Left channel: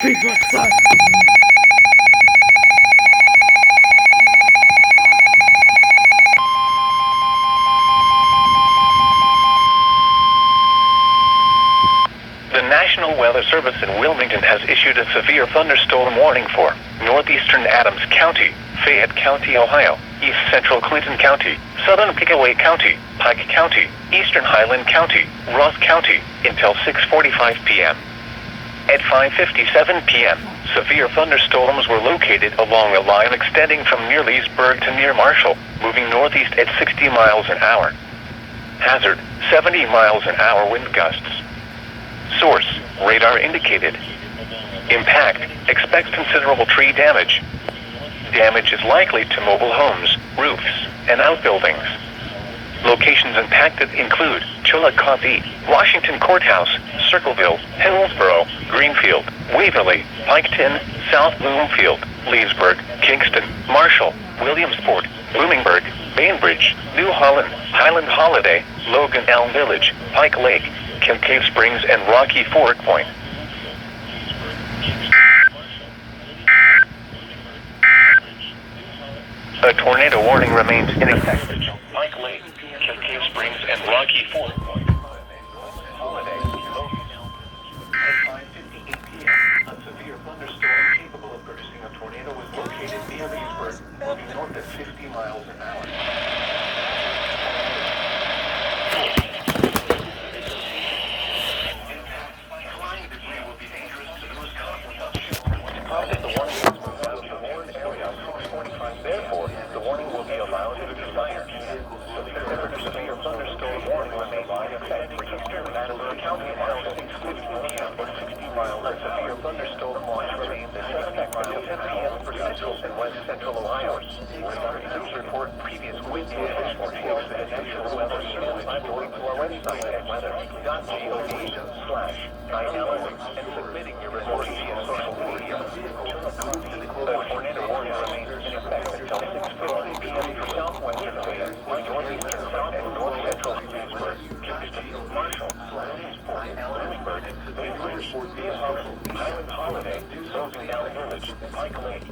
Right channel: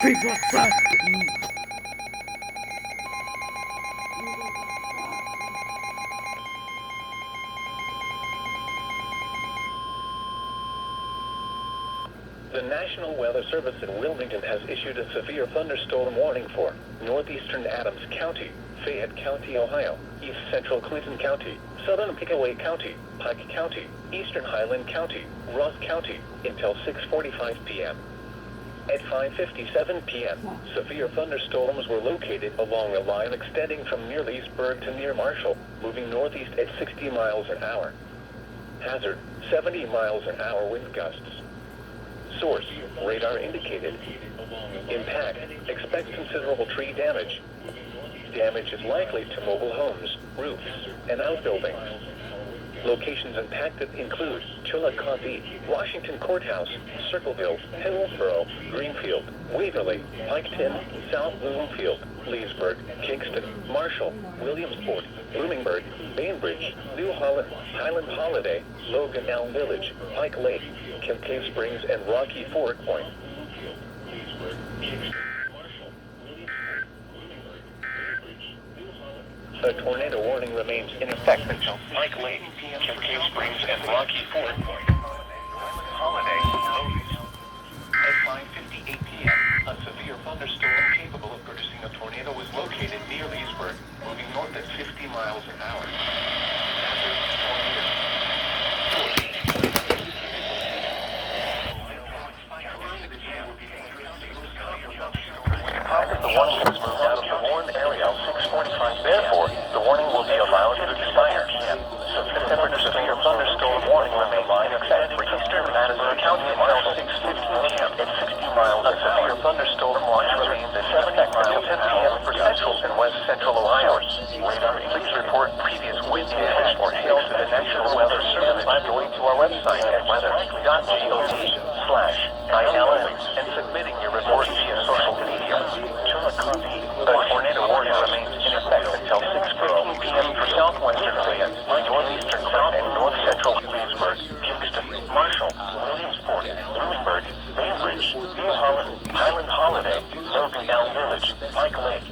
The National Weather Service in Wilmington has issued a severe thunderstorm warning for northeastern Adams County, Fayette County, Ohio, east central Clinton County, southern Pickaway County, Pike County, eastern Highland County, Ross County, until 6:45 p.m. At 5:57 p.m., severe thunderstorms were located along a line extending from near Leesburg to near Marshall, moving northeast at 60 miles an hour. Hazard, 70 miles an hour wind gusts. Source, radar indicated. Impact, expect considerable tree damage. Damage is likely to mobile homes, roofs, and outbuildings. Locations impacted include Chillicothe, Washington Courthouse, Circleville, Hillsborough, Greenfield, Waverly, Piketon, South Bloomfield, Leesburg, Kingston, Marshall, Williamsport, Bloomingburg, Bainbridge, New Holland, Highland Holiday, Logan Elm Village, Pike Lake, Cave Springs, and Rocky Ford Point. A tornado warning remains in effect. Pike Lake, Cave Springs, and Rocky Ford Point. Holiday, Logan. At 5:58 p.m., a severe thunderstorm capable of producing a tornado was located near Leesburg, moving north at 50 miles an hour. The warning has moved out of the warned area at 6:45. Therefore, the warning will be allowed to expire. September severe thunderstorm warning remains in effect for eastern Madison County until 6:15 p.m. At 60 miles, a severe thunderstorm watch remains in effect until 10 p.m. for central and west central Ohio. Please report previous wind damage or hail to the National Weather Service by going to our website at weather.gov/ILS and submitting your report via social media. The tornado warning remains in effect until 6:15 p.m. for southwestern Fayette, northeastern South and north central Leesburg, Kingston, Marshall, Williamsport, Bloomingburg, Bainbridge, New Holland, Highland Holiday, Logan Elm Village, Pike Lake,